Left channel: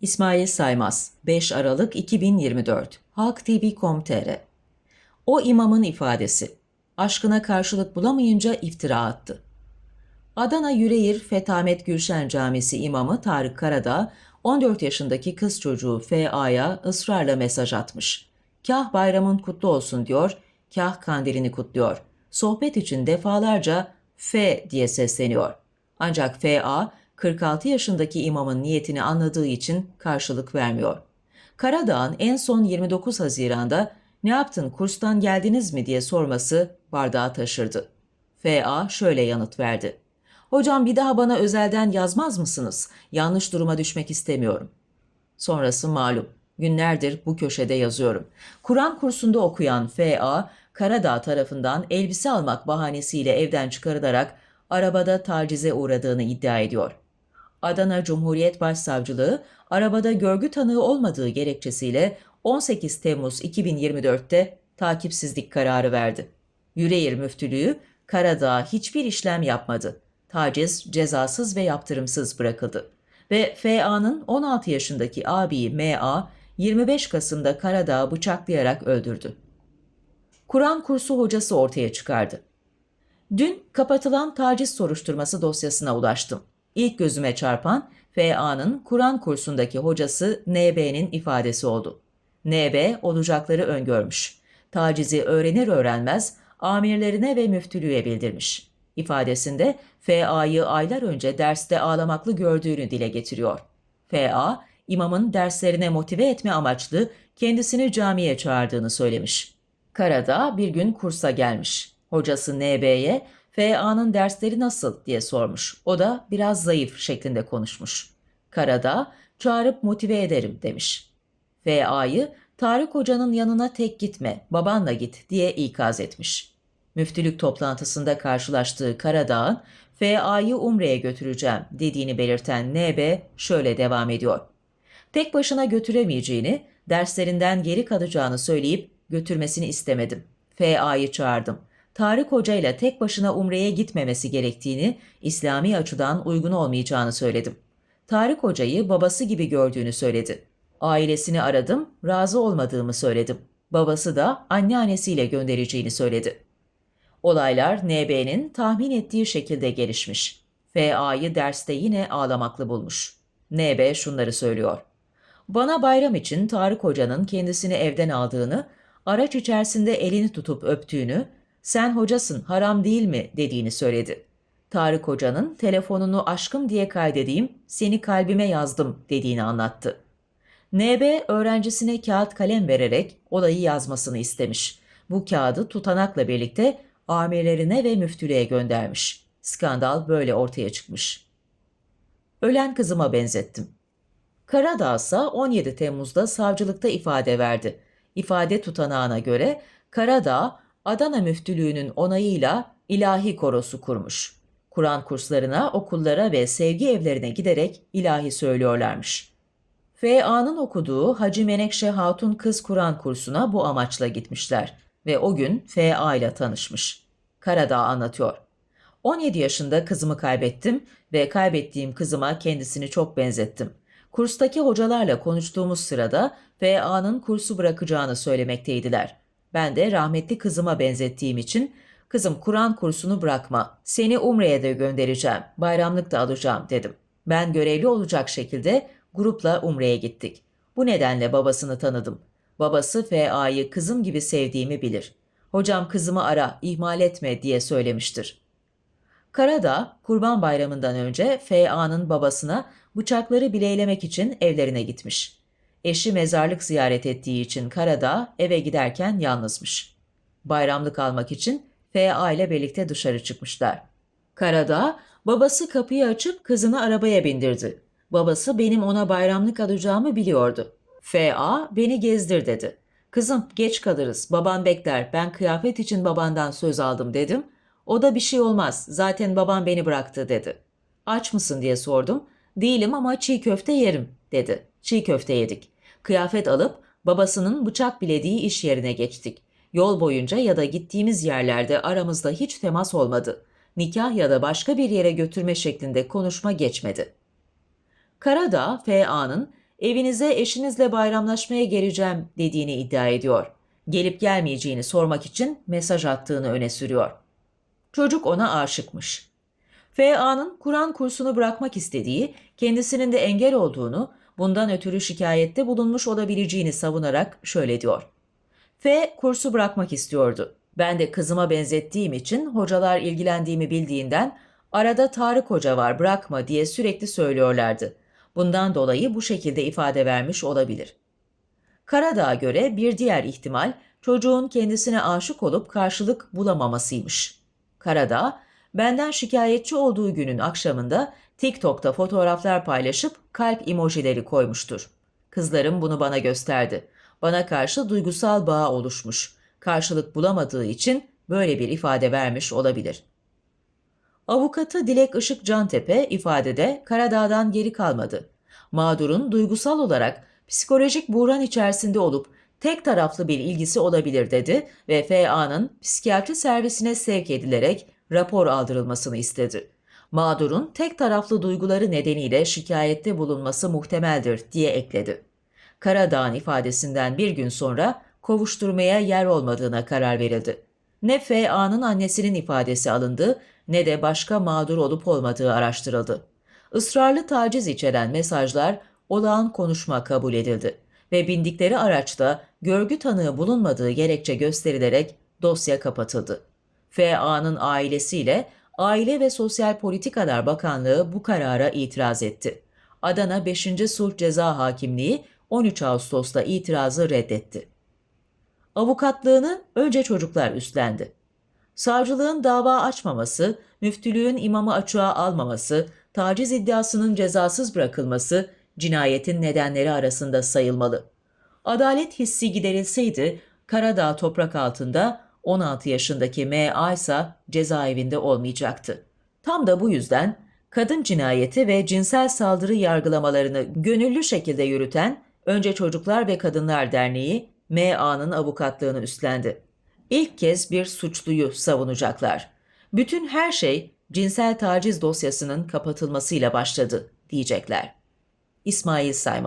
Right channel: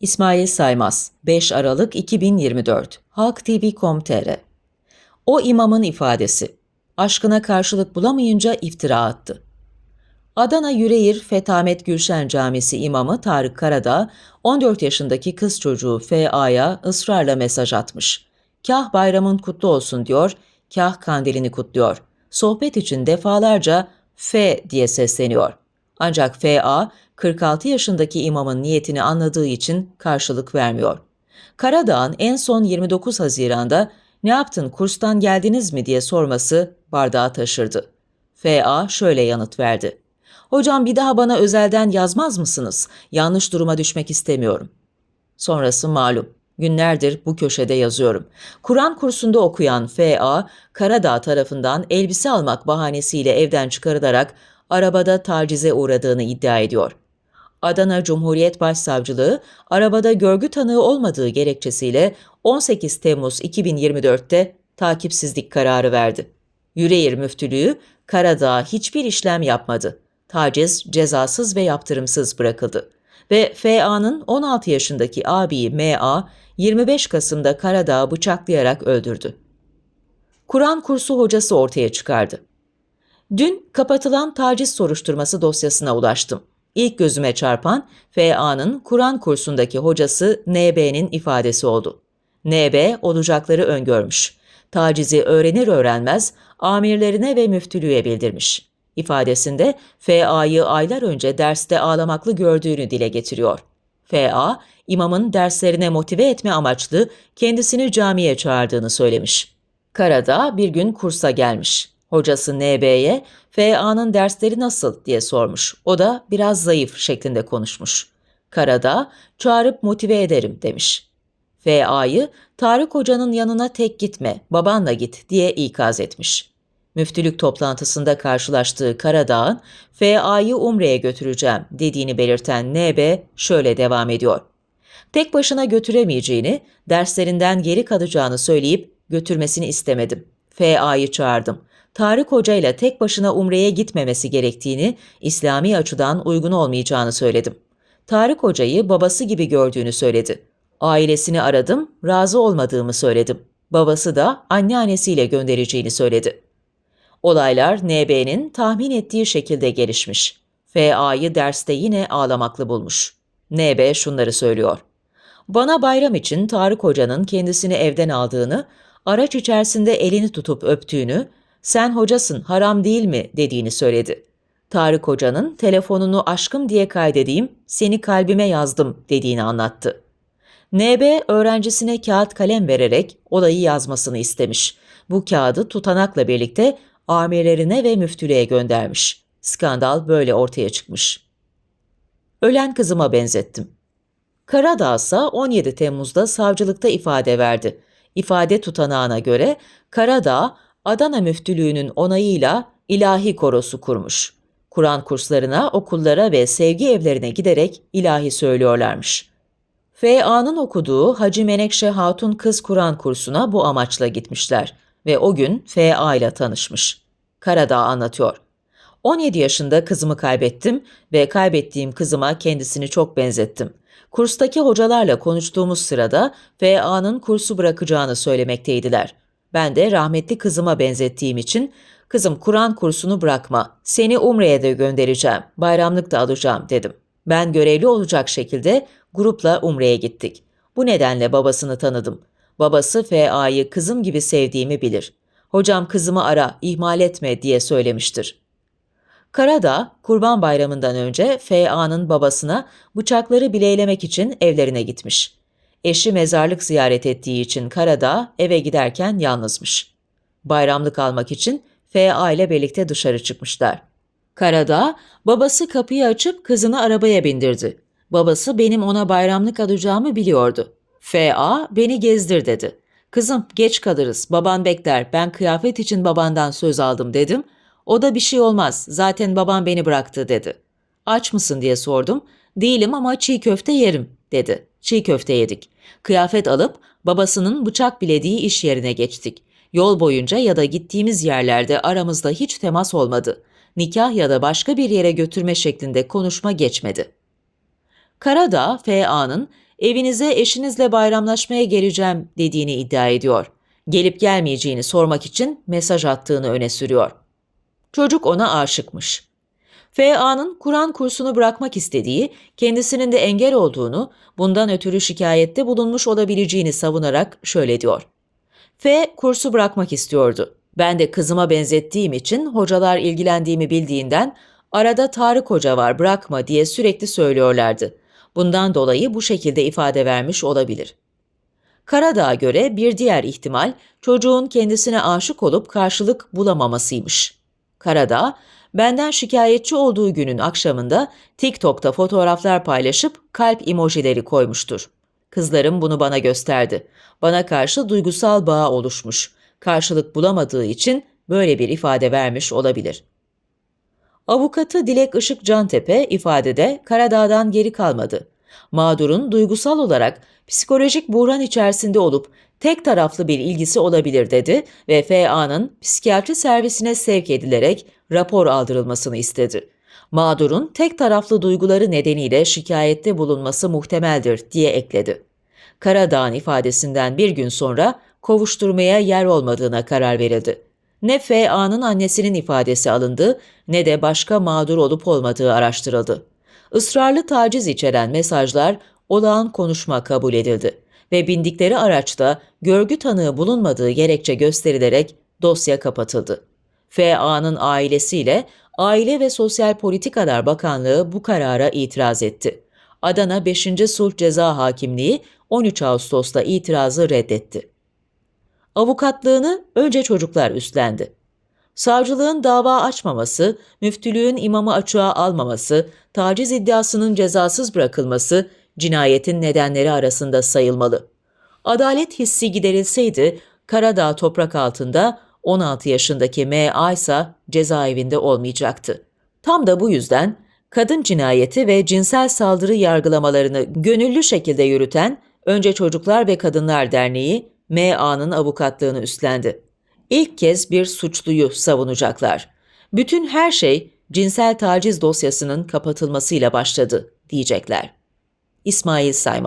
İsmail Saymaz 5 Aralık 2024 Halk TV.com.tr O imamın ifadesi Aşkına karşılık bulamayınca iftira attı. Adana Yüreğir Fetamet Gülşen Camisi imamı Tarık Karadağ, 14 yaşındaki kız çocuğu F.A.'ya ısrarla mesaj atmış. Kah bayramın kutlu olsun diyor, kah kandilini kutluyor. Sohbet için defalarca F diye sesleniyor. Ancak F.A. 46 yaşındaki imamın niyetini anladığı için karşılık vermiyor. Karadağ'ın en son 29 Haziran'da ne yaptın kurstan geldiniz mi diye sorması bardağı taşırdı. F.A. şöyle yanıt verdi. Hocam bir daha bana özelden yazmaz mısınız? Yanlış duruma düşmek istemiyorum. Sonrası malum. Günlerdir bu köşede yazıyorum. Kur'an kursunda okuyan F.A. Karadağ tarafından elbise almak bahanesiyle evden çıkarılarak arabada tacize uğradığını iddia ediyor. Adana Cumhuriyet Başsavcılığı arabada görgü tanığı olmadığı gerekçesiyle 18 Temmuz 2024'te takipsizlik kararı verdi. Yüreğir Müftülüğü Karadağ hiçbir işlem yapmadı. Taciz cezasız ve yaptırımsız bırakıldı. Ve FA'nın 16 yaşındaki abi MA 25 Kasım'da Karadağ'ı bıçaklayarak öldürdü. Kur'an kursu hocası ortaya çıkardı. Dün kapatılan taciz soruşturması dosyasına ulaştım. İlk gözüme çarpan FA'nın Kur'an kursundaki hocası NB'nin ifadesi oldu. NB olacakları öngörmüş. Tacizi öğrenir öğrenmez amirlerine ve müftülüğe bildirmiş. İfadesinde FA'yı aylar önce derste ağlamaklı gördüğünü dile getiriyor. FA, imamın derslerine motive etme amaçlı kendisini camiye çağırdığını söylemiş. Karadağ bir gün kursa gelmiş. Hocası NB'ye FA'nın dersleri nasıl diye sormuş. O da biraz zayıf şeklinde konuşmuş. Karadağ çağırıp motive ederim demiş. FA'yı Tarık Hoca'nın yanına tek gitme, babanla git diye ikaz etmiş. Müftülük toplantısında karşılaştığı Karadağ'ın FA'yı Umre'ye götüreceğim dediğini belirten NB şöyle devam ediyor. Tek başına götüremeyeceğini, derslerinden geri kalacağını söyleyip götürmesini istemedim. FA'yı çağırdım. Tarık Hoca ile tek başına Umre'ye gitmemesi gerektiğini, İslami açıdan uygun olmayacağını söyledim. Tarık Hoca'yı babası gibi gördüğünü söyledi. Ailesini aradım, razı olmadığımı söyledim. Babası da anneannesiyle göndereceğini söyledi. Olaylar NB'nin tahmin ettiği şekilde gelişmiş. FA'yı derste yine ağlamaklı bulmuş. NB şunları söylüyor. Bana bayram için Tarık Hoca'nın kendisini evden aldığını, araç içerisinde elini tutup öptüğünü, sen hocasın haram değil mi dediğini söyledi. Tarık Hoca'nın telefonunu aşkım diye kaydedeyim, seni kalbime yazdım dediğini anlattı. NB öğrencisine kağıt kalem vererek olayı yazmasını istemiş. Bu kağıdı tutanakla birlikte amirlerine ve müftülüğe göndermiş. Skandal böyle ortaya çıkmış. Ölen kızıma benzettim. Karadağ ise 17 Temmuz'da savcılıkta ifade verdi. İfade tutanağına göre Karadağ, Adana Müftülüğü'nün onayıyla ilahi korosu kurmuş. Kur'an kurslarına, okullara ve sevgi evlerine giderek ilahi söylüyorlarmış. FA'nın okuduğu Hacı Menekşe Hatun Kız Kur'an kursuna bu amaçla gitmişler ve o gün FA ile tanışmış. Karadağ anlatıyor. 17 yaşında kızımı kaybettim ve kaybettiğim kızıma kendisini çok benzettim. Kurstaki hocalarla konuştuğumuz sırada FA'nın kursu bırakacağını söylemekteydiler. Ben de rahmetli kızıma benzettiğim için kızım Kur'an kursunu bırakma, seni Umre'ye de göndereceğim, bayramlık da alacağım dedim. Ben görevli olacak şekilde grupla Umre'ye gittik. Bu nedenle babasını tanıdım. Babası FA'yı kızım gibi sevdiğimi bilir. Hocam kızımı ara, ihmal etme diye söylemiştir. Karadağ, Kurban Bayramı'ndan önce FA'nın babasına bıçakları bileylemek için evlerine gitmiş. Eşi mezarlık ziyaret ettiği için Karadağ eve giderken yalnızmış. Bayramlık almak için FA ile birlikte dışarı çıkmışlar. Karadağ, babası kapıyı açıp kızını arabaya bindirdi. Babası benim ona bayramlık alacağımı biliyordu. F.A. beni gezdir dedi. Kızım geç kalırız, baban bekler, ben kıyafet için babandan söz aldım dedim. O da bir şey olmaz, zaten babam beni bıraktı dedi. Aç mısın diye sordum. Değilim ama çiğ köfte yerim dedi. Çiğ köfte yedik. Kıyafet alıp babasının bıçak bilediği iş yerine geçtik. Yol boyunca ya da gittiğimiz yerlerde aramızda hiç temas olmadı. Nikah ya da başka bir yere götürme şeklinde konuşma geçmedi. Karadağ, FA'nın evinize eşinizle bayramlaşmaya geleceğim dediğini iddia ediyor. Gelip gelmeyeceğini sormak için mesaj attığını öne sürüyor. Çocuk ona aşıkmış. F.A.'nın Kur'an kursunu bırakmak istediği, kendisinin de engel olduğunu, bundan ötürü şikayette bulunmuş olabileceğini savunarak şöyle diyor. F. kursu bırakmak istiyordu. Ben de kızıma benzettiğim için hocalar ilgilendiğimi bildiğinden arada Tarık Hoca var bırakma diye sürekli söylüyorlardı. Bundan dolayı bu şekilde ifade vermiş olabilir. Karadağ'a göre bir diğer ihtimal çocuğun kendisine aşık olup karşılık bulamamasıymış. Karadağ, benden şikayetçi olduğu günün akşamında TikTok'ta fotoğraflar paylaşıp kalp emojileri koymuştur. Kızlarım bunu bana gösterdi. Bana karşı duygusal bağ oluşmuş. Karşılık bulamadığı için böyle bir ifade vermiş olabilir. Avukatı Dilek Işık Cantepe ifadede Karadağ'dan geri kalmadı. Mağdurun duygusal olarak psikolojik buhran içerisinde olup tek taraflı bir ilgisi olabilir dedi ve FA'nın psikiyatri servisine sevk edilerek rapor aldırılmasını istedi. Mağdurun tek taraflı duyguları nedeniyle şikayette bulunması muhtemeldir diye ekledi. Karadağ'ın ifadesinden bir gün sonra kovuşturmaya yer olmadığına karar verildi. Ne FA'nın annesinin ifadesi alındı ne de başka mağdur olup olmadığı araştırıldı. Israrlı taciz içeren mesajlar olağan konuşma kabul edildi ve bindikleri araçta görgü tanığı bulunmadığı gerekçe gösterilerek dosya kapatıldı. FA'nın ailesiyle Aile ve Sosyal Politikalar Bakanlığı bu karara itiraz etti. Adana 5. Sulh Ceza Hakimliği 13 Ağustos'ta itirazı reddetti. Avukatlığını önce çocuklar üstlendi. Savcılığın dava açmaması, müftülüğün imamı açığa almaması, taciz iddiasının cezasız bırakılması cinayetin nedenleri arasında sayılmalı. Adalet hissi giderilseydi Karadağ toprak altında 16 yaşındaki M.A. ise cezaevinde olmayacaktı. Tam da bu yüzden kadın cinayeti ve cinsel saldırı yargılamalarını gönüllü şekilde yürüten Önce Çocuklar ve Kadınlar Derneği M.A.'nın avukatlığını üstlendi. İlk kez bir suçluyu savunacaklar. Bütün her şey cinsel taciz dosyasının kapatılmasıyla başladı diyecekler. İsmail Sayman